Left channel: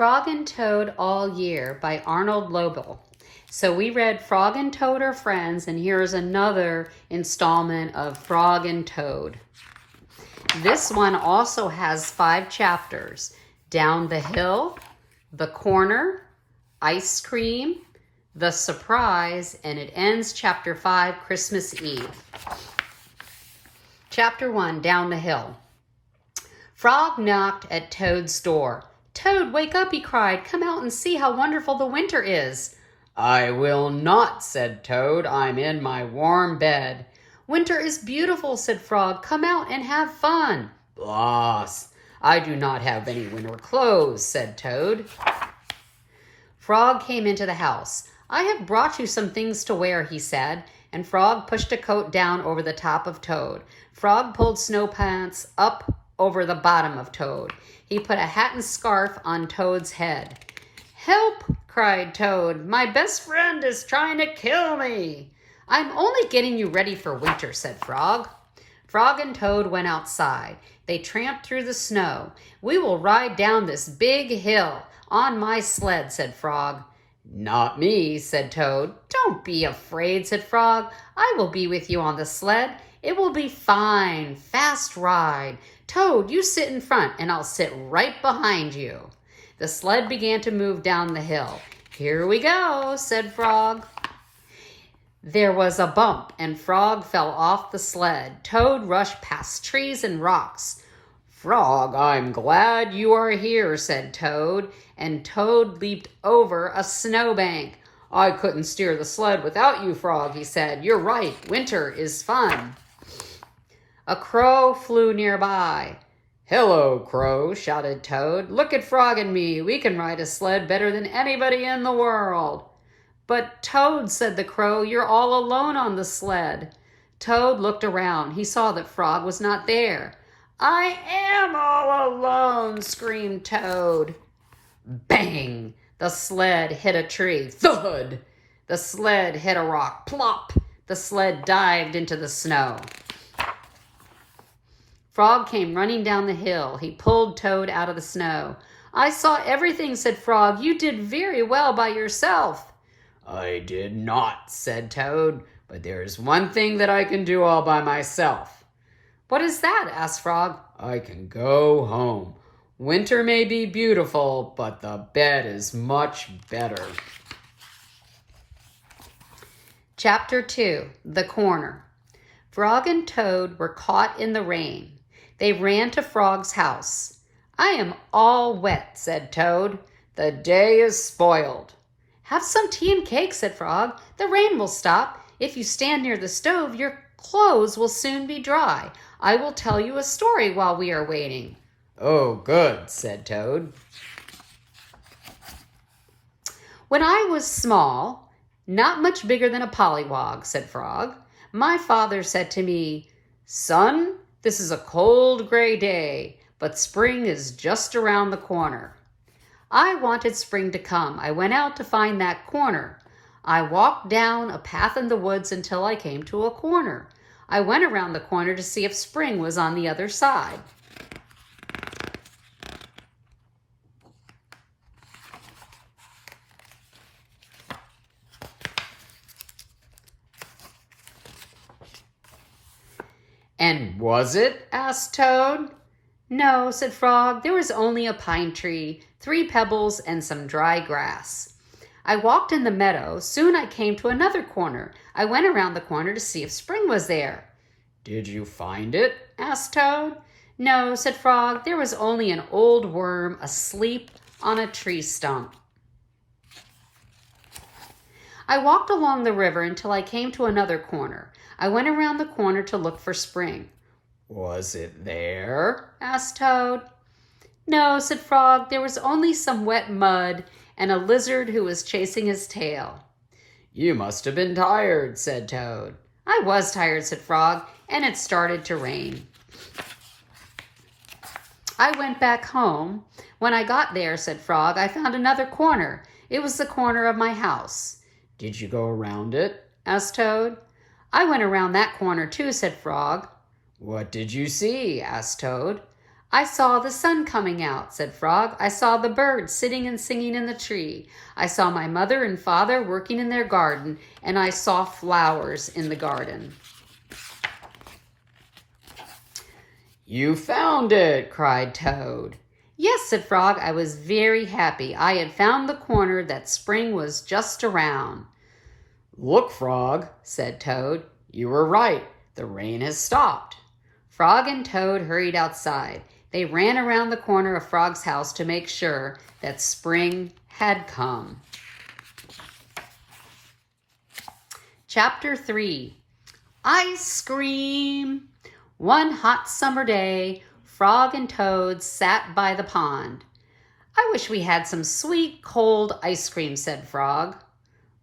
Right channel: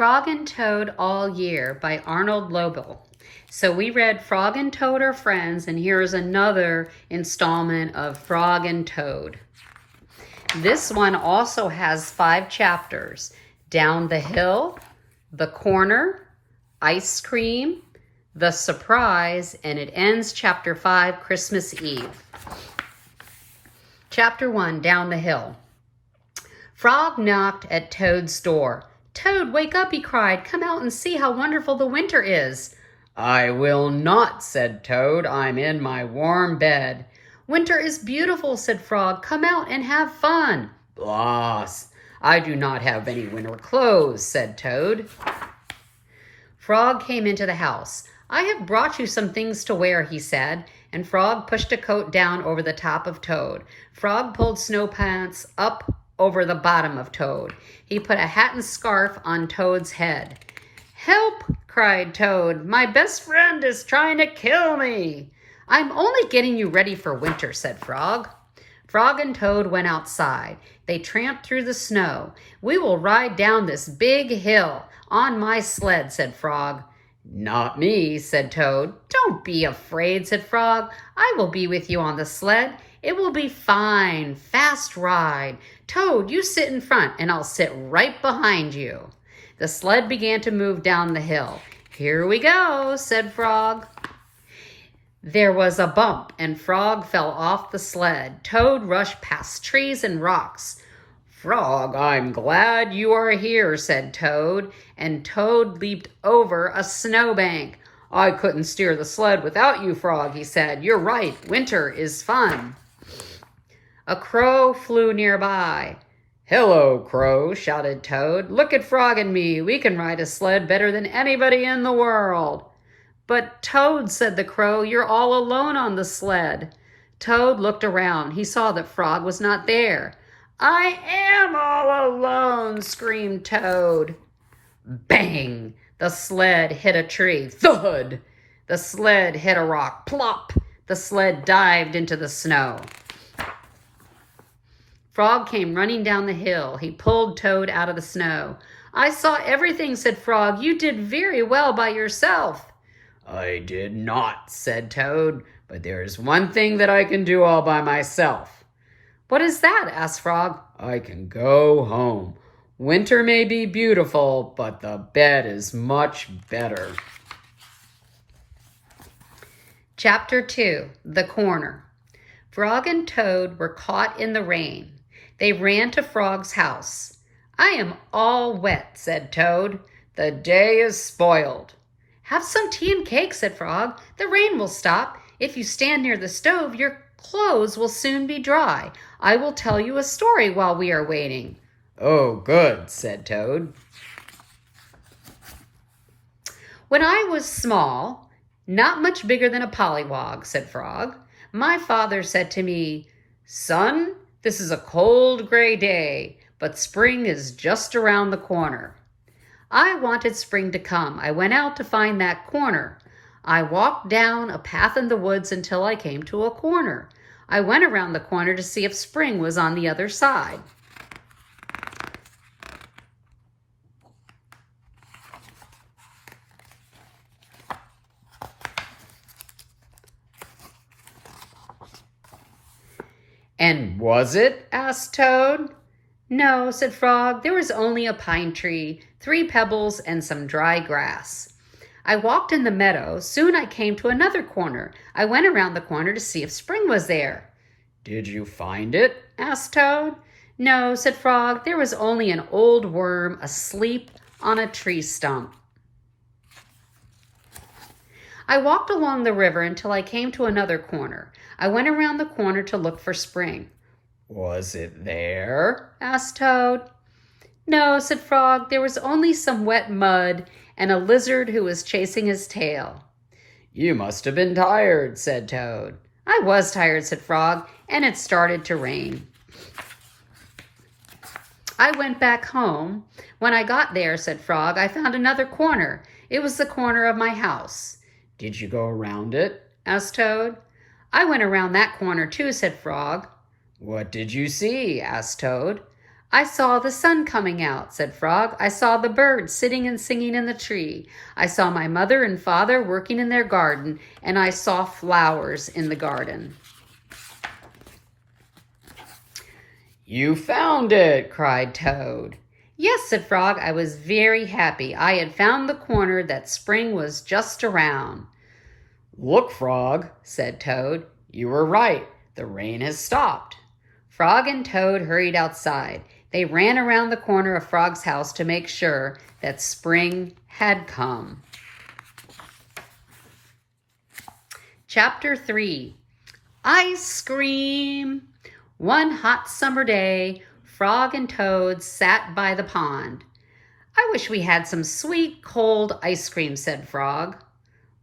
Frog and Toad All Year by Arnold Lobel. So we read Frog and Toad Are Friends, and here's another installment of Frog and Toad. This one also has 5 chapters: Down the Hill, The Corner, Ice Cream, The Surprise, and it ends chapter 5, Christmas Eve. Chapter 1, Down the Hill. Frog knocked at Toad's door. "Toad, wake up," he cried. "Come out and see how wonderful the winter is." "I will not," said Toad. "I'm in my warm bed." "Winter is beautiful," said Frog. "Come out and have fun." "Blast! I do not have any winter clothes," said Toad. Frog came into the house. "I have brought you some things to wear," he said, and Frog pushed a coat down over the top of Toad. Frog pulled snow pants up over the bottom of Toad. He put a hat and scarf on Toad's head. "Help!" cried Toad. "My best friend is trying to kill me." "I'm only getting you ready for winter," said Frog. Frog and Toad went outside. They tramped through the snow. "We will ride down this big hill on my sled," said Frog. "Not me," said Toad. "Don't be afraid," said Frog. "I will be with you on the sled. It will be fine, fast ride. Toad, you sit in front and I'll sit right behind you." The sled began to move down the hill. "Here we go," said Frog. There was a bump and Frog fell off the sled. Toad rushed past trees and rocks. "Frog, I'm glad you are here," said Toad, and Toad leaped over a snowbank. "I couldn't steer the sled without you, Frog," he said. "You're right, winter is fun." A crow flew nearby. "Hello, Crow," shouted Toad. "Look at Frog and me. We can ride a sled better than anybody in the world." "But Toad," said the crow, "you're all alone on the sled." Toad looked around. He saw that Frog was not there. "I am all alone," screamed Toad. Bang! The sled hit a tree. Thud! The sled hit a rock. Plop! The sled dived into the snow. Frog came running down the hill. He pulled Toad out of the snow. "I saw everything," said Frog. "You did very well by yourself." "I did not," said Toad, "but there is one thing that I can do all by myself." "What is that?" asked Frog. "I can go home. Winter may be beautiful, but the bed is much better." Chapter 2, The Corner. Frog and Toad were caught in the rain. They ran to Frog's house. "I am all wet," said Toad. "The day is spoiled." "Have some tea and cake," said Frog. "The rain will stop. If you stand near the stove, your clothes will soon be dry. I will tell you a story while we are waiting." "Oh, good," said Toad. "When I was small, not much bigger than a pollywog," said Frog, "my father said to me, 'Son, this is a cold gray day, but spring is just around the corner.' I wanted spring to come. I went out to find that corner. I walked down a path in the woods until I came to a corner. I went around the corner to see if spring was on the other side. "And was it?" asked Toad. "No," said Frog. "There was only a pine tree, 3 pebbles, and some dry grass. I walked in the meadow. Soon I came to another corner. I went around the corner to see if spring was there." "Did you find it?" asked Toad. "No," said Frog. "There was only an old worm asleep on a tree stump." I walked along the river until I came to another corner. I went around the corner to look for spring." "Was it there?" asked Toad. "No," said Frog. "There was only some wet mud and a lizard who was chasing his tail." "You must have been tired," said Toad. "I was tired," said Frog, "and it started to rain." I went back home. When I got there, said Frog, I found another corner. It was the corner of my house. "Did you go around it?" asked Toad. "I went around that corner too," said Frog. "What did you see?" asked Toad. I saw the sun coming out, said Frog. I saw the birds sitting and singing in the tree. I saw my mother and father working in their garden, and I saw flowers in the garden. You found it, cried Toad. Yes, said Frog. I was very happy. I had found the corner that spring was just around. Look, Frog, said Toad. You were right. The rain has stopped. Frog and Toad hurried outside. They ran around the corner of Frog's house to make sure that spring had come. Chapter 3. Ice Cream! One hot summer day, Frog and Toad sat by the pond. I wish we had some sweet, cold ice cream, said Frog.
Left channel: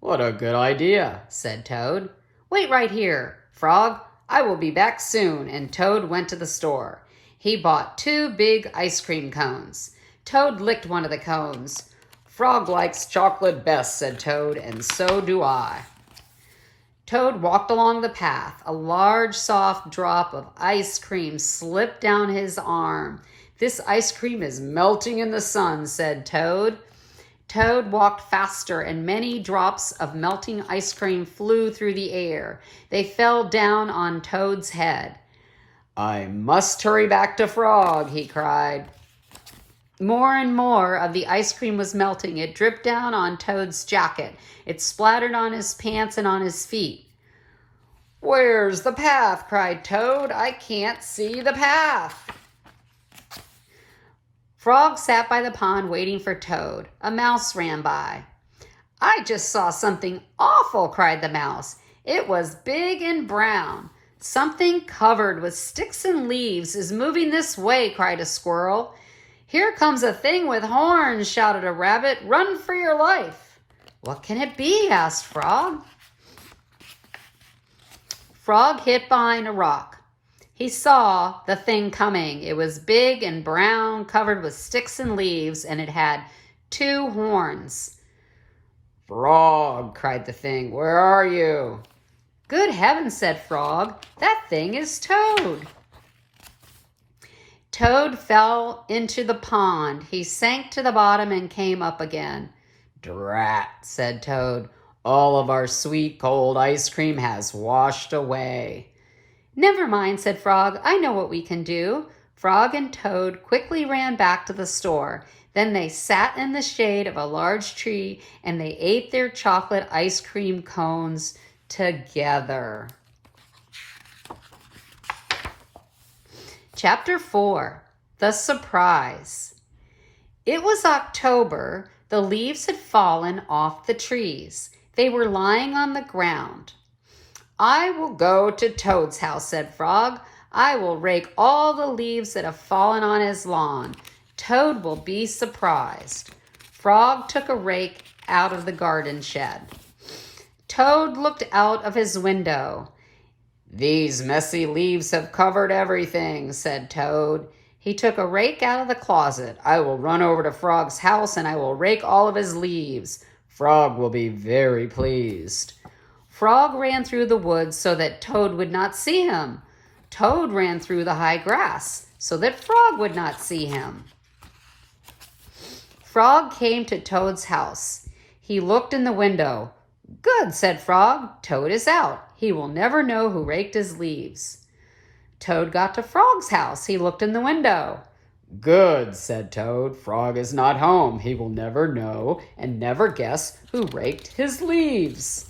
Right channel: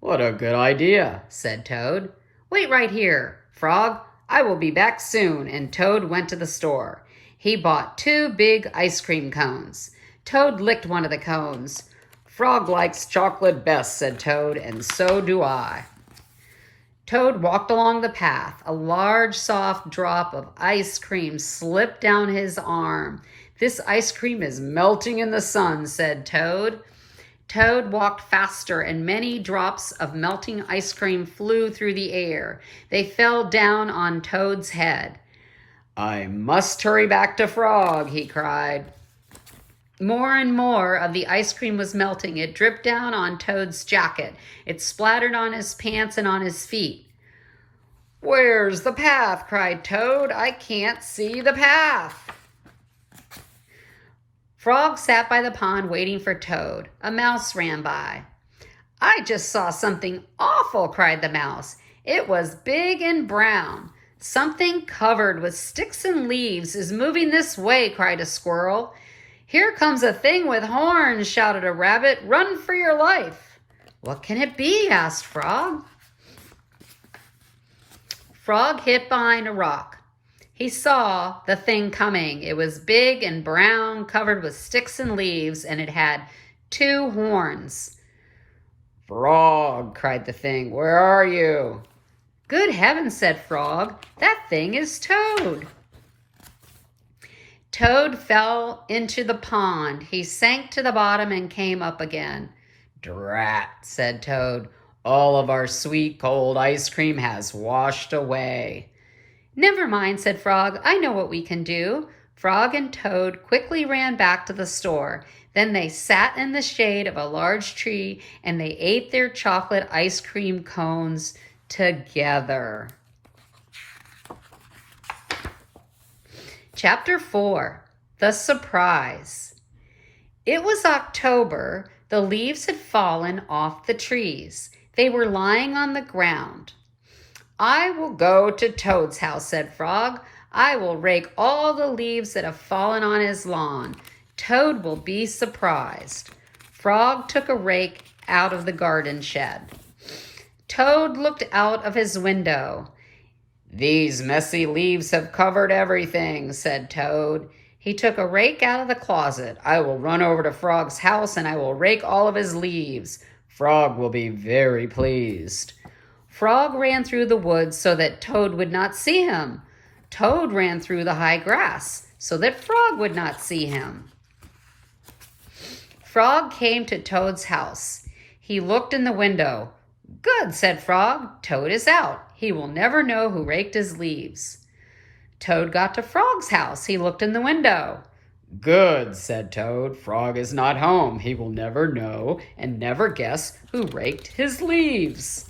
What a good idea, said Toad. Wait right here, Frog. I will be back soon, and Toad went to the store. He bought 2 big ice cream cones. Toad licked one of the cones. Frog likes chocolate best, said Toad, and so do I. Toad walked along the path. A large, soft drop of ice cream slipped down his arm. This ice cream is melting in the sun, said Toad. Toad walked faster, and many drops of melting ice cream flew through the air. They fell down on Toad's head. I must hurry back to Frog, he cried. More and more of the ice cream was melting. It dripped down on Toad's jacket. It splattered on his pants and on his feet. Where's the path? Cried Toad. I can't see the path. Frog sat by the pond waiting for Toad. A mouse ran by. I just saw something awful, cried the mouse. It was big and brown. Something covered with sticks and leaves is moving this way, cried a squirrel. Here comes a thing with horns, shouted a rabbit. Run for your life. What can it be? Asked Frog. Frog hid behind a rock. He saw the thing coming. It was big and brown, covered with sticks and leaves, and it had 2 horns. Frog, cried the thing, where are you? Good heavens, said Frog. That thing is Toad. Toad fell into the pond. He sank to the bottom and came up again. Drat, said Toad. All of our sweet cold ice cream has washed away. Never mind, said Frog. I know what we can do. Frog and Toad quickly ran back to the store. Then they sat in the shade of a large tree and they ate their chocolate ice cream cones together. Chapter 4. The Surprise. It was October. The leaves had fallen off the trees. They were lying on the ground. I will go to Toad's house, said Frog. I will rake all the leaves that have fallen on his lawn. Toad will be surprised. Frog took a rake out of the garden shed. Toad looked out of his window. These messy leaves have covered everything, said Toad. He took a rake out of the closet. I will run over to Frog's house and I will rake all of his leaves. Frog will be very pleased. Frog ran through the woods so that Toad would not see him. Toad ran through the high grass so that Frog would not see him. Frog came to Toad's house. He looked in the window. Good, said Frog. Toad is out. He will never know who raked his leaves. Toad got to Frog's house. He looked in the window. Good, said Toad. Frog is not home. He will never know and never guess who raked his leaves.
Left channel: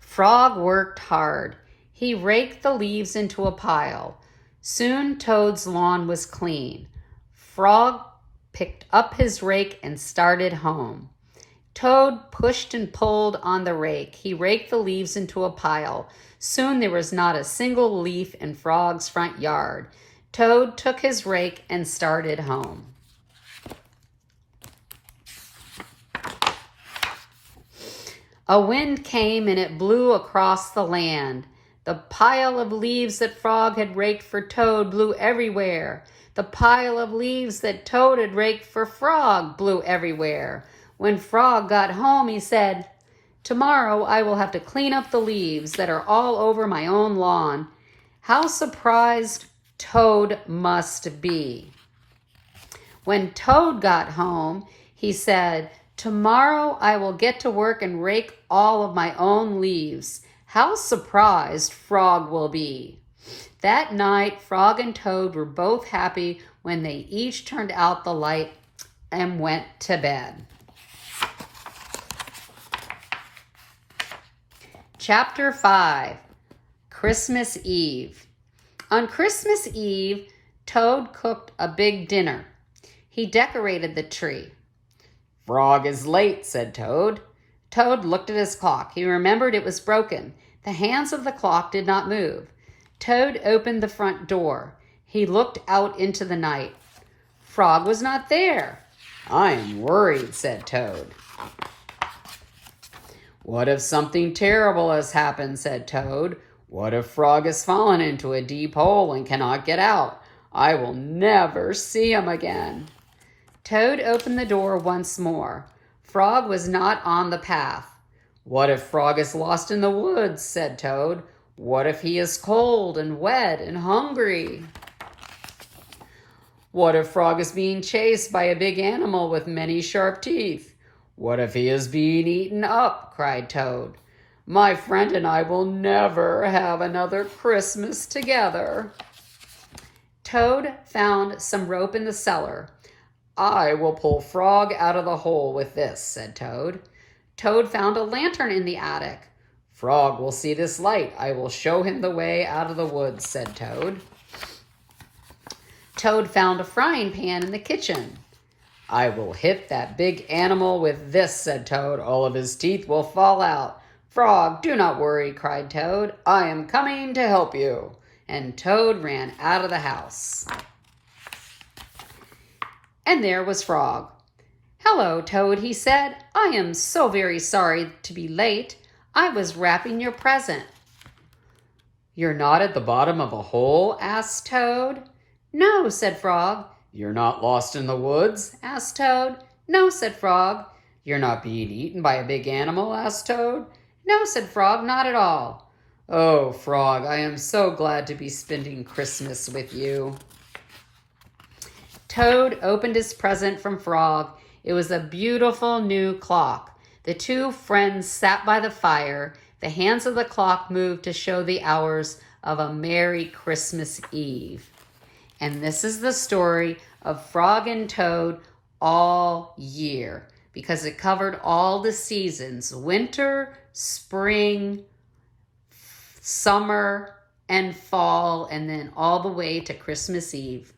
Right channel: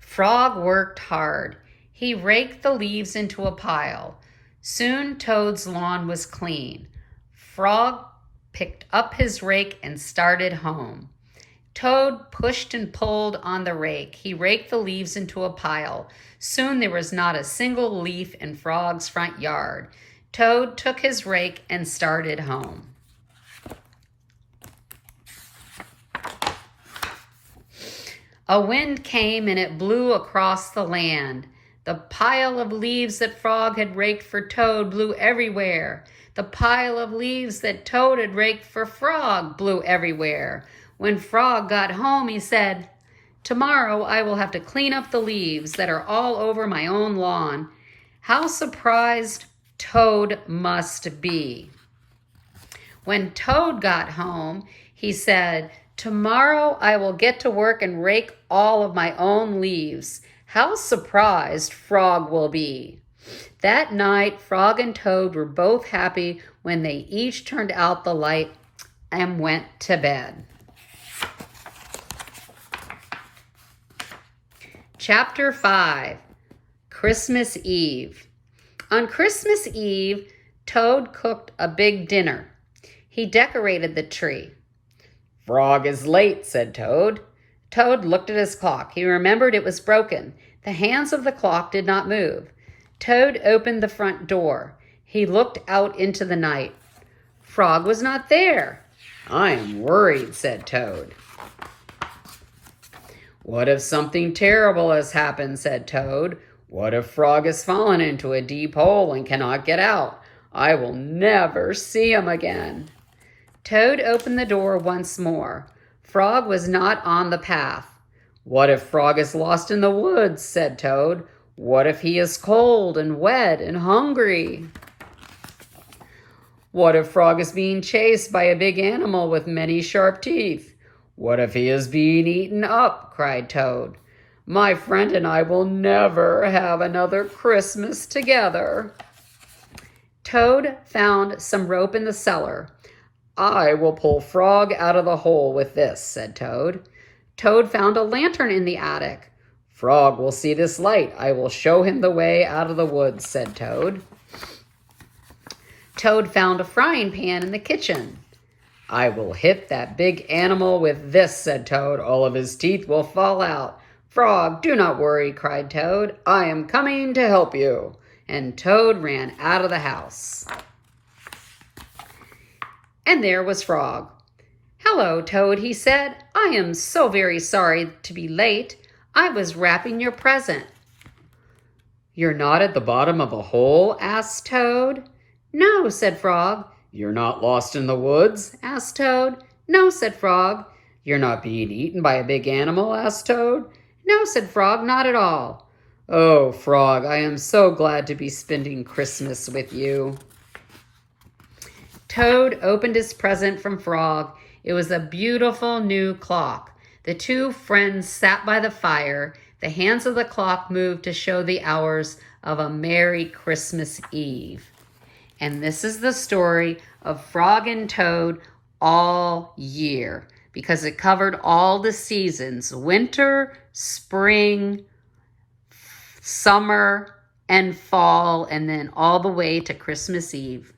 Frog worked hard. He raked the leaves into a pile. Soon Toad's lawn was clean. Frog picked up his rake and started home. Toad pushed and pulled on the rake. He raked the leaves into a pile. Soon there was not a single leaf in Frog's front yard. Toad took his rake and started home. A wind came and it blew across the land. The pile of leaves that Frog had raked for Toad blew everywhere. The pile of leaves that Toad had raked for Frog blew everywhere. When Frog got home, he said, "Tomorrow I will have to clean up the leaves that are all over my own lawn. How surprised Toad must be. When Toad got home, he said, "Tomorrow I will get to work and rake all of my own leaves. How surprised Frog will be." That night, Frog and Toad were both happy when they each turned out the light and went to bed. Chapter 5, Christmas Eve. On Christmas Eve, Toad cooked a big dinner. He decorated the tree. "Frog is late," said Toad. Toad looked at his clock. He remembered it was broken. The hands of the clock did not move. Toad opened the front door. He looked out into the night. Frog was not there. "I am worried," said Toad. "What if something terrible has happened?" said Toad. "What if Frog has fallen into a deep hole and cannot get out? I will never see him again." Toad opened the door once more. Frog was not on the path. "What if Frog is lost in the woods?" said Toad. "What if he is cold and wet and hungry? What if Frog is being chased by a big animal with many sharp teeth? What if he is being eaten up?" cried Toad. "My friend and I will never have another Christmas together." Toad found some rope in the cellar. "I will pull Frog out of the hole with this," said Toad. Toad found a lantern in the attic. "Frog will see this light. I will show him the way out of the woods," said Toad. Toad found a frying pan in the kitchen. "I will hit that big animal with this," said Toad. "All of his teeth will fall out." "Frog, do not worry," cried Toad. "I am coming to help you." And Toad ran out of the house. And there was Frog. "Hello, Toad," he said. "I am so very sorry to be late. I was wrapping your present." "You're not at the bottom of a hole?" asked Toad. "No," said Frog. "You're not lost in the woods?" asked Toad. "No," said Frog. "You're not being eaten by a big animal?" asked Toad. "No," said Frog, "not at all." "Oh, Frog, I am so glad to be spending Christmas with you." Toad opened his present from Frog. It was a beautiful new clock. The two friends sat by the fire. The hands of the clock moved to show the hours of a Merry Christmas Eve. And this is the story of Frog and Toad all year, because it covered all the seasons: winter, spring, summer, and fall, and then all the way to Christmas Eve.